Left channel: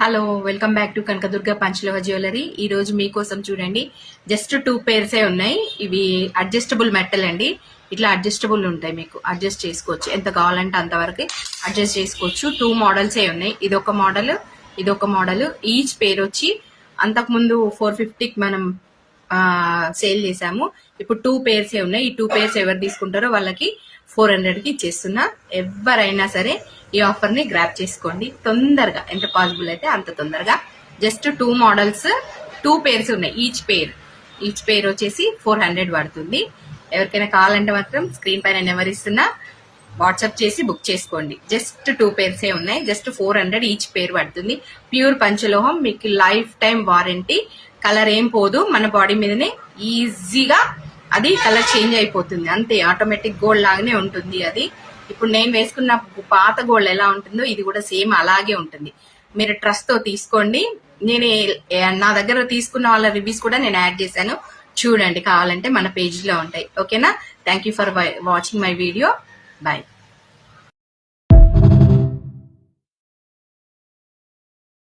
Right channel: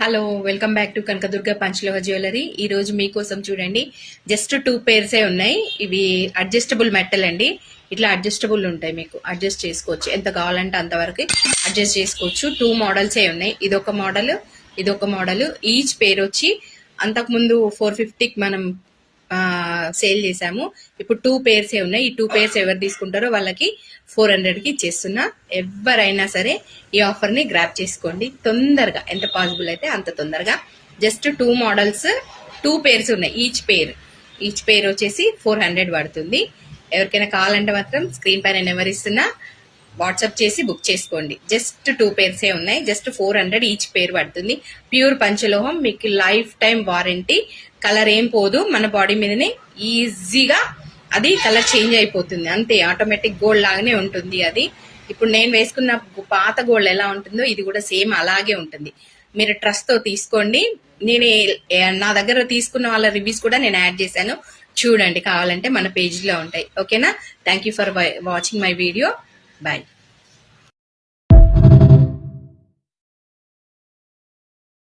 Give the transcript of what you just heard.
Hello welcome back to Kanakadurga పంచలోహ jewellery. ఈ రోజు మీకోసం చూడండి, జస్ట్ 2 పేర్సే ఉన్నాయి. ఇవి అడ్జస్టబుల్ మెటల్ అండి. ఇట్లా అడ్జస్టబుల్ ఉంటాయి, మీకు అడ్జస్ట్ చేసుకోవచ్చు. ఎంత కావాలంటే అంతవరకు అడ్జస్ట్ చేసుకోవచ్చు. 2 మోడల్సే ఉన్నాయి. ఇదొక మోడల్. ఈచ్ పేర్ వచ్చి అంతకుముందు 450కి మనం సేల్ చేసాము. ఇప్పుడు 2 పేర్సే ఉన్నాయి. ఈ 2 పేర్స్ ఎవరు తీసుకుంటారో వాళ్ళకి 400కి ఇచ్చేస్తున్నా. ఎవరైనా సరే ఈ ఆఫర్ ని గ్రాప్ చేసుకోండి తొందరగా, ఎంత పాసిబుల్ అయితే అంత తొందరగా. జస్ట్ 2 మోడల్స్, 2 పేర్స్ ఉన్నాయి. ఈచ్ పేర్ వచ్చేసి 400 పడుతుంది. ఎవరికైనా కావాలంటే మాత్రం స్క్రీన్ పైన నెంబర్ ఇస్తున్నా, వాట్సాప్ చేసి బుక్ చేసుకోండి. జస్ట్ 2 పేర్సే ఉన్నాయి. జస్ట్ 400 ఈచ్ పేర్ పడుతుంది. ప్యూర్ పంచలోహం, మీకు లైఫ్ టైం వారంటీ. కలర్ ఏం పోదు, మన బాడీ మీదనే ఈజీగా అది కలర్ చేంజ్ అయిపోతుంది. అంతే, ఆటోమేటిక్ గోల్డ్ లాగానే ఉంటుంది అది. ఇప్పుడు నేను వేసుకున్న పాత గోల్డ్ ఎలా ఉంటుందో ఇది కూడా సేమ్ అలాగే ఉంటుంది. మీరు ట్రస్ట్ తో తీసుకోండి. నేను నా దగ్గర తీసుకున్న వాళ్ళ రివ్యూస్ కూడా నేను యాడ్ చేశాను, చూడండి. కావాలంటే మన పేజ్ లో ఉంటాయి. ఓకేనా? Thank you for watching my video. Bye.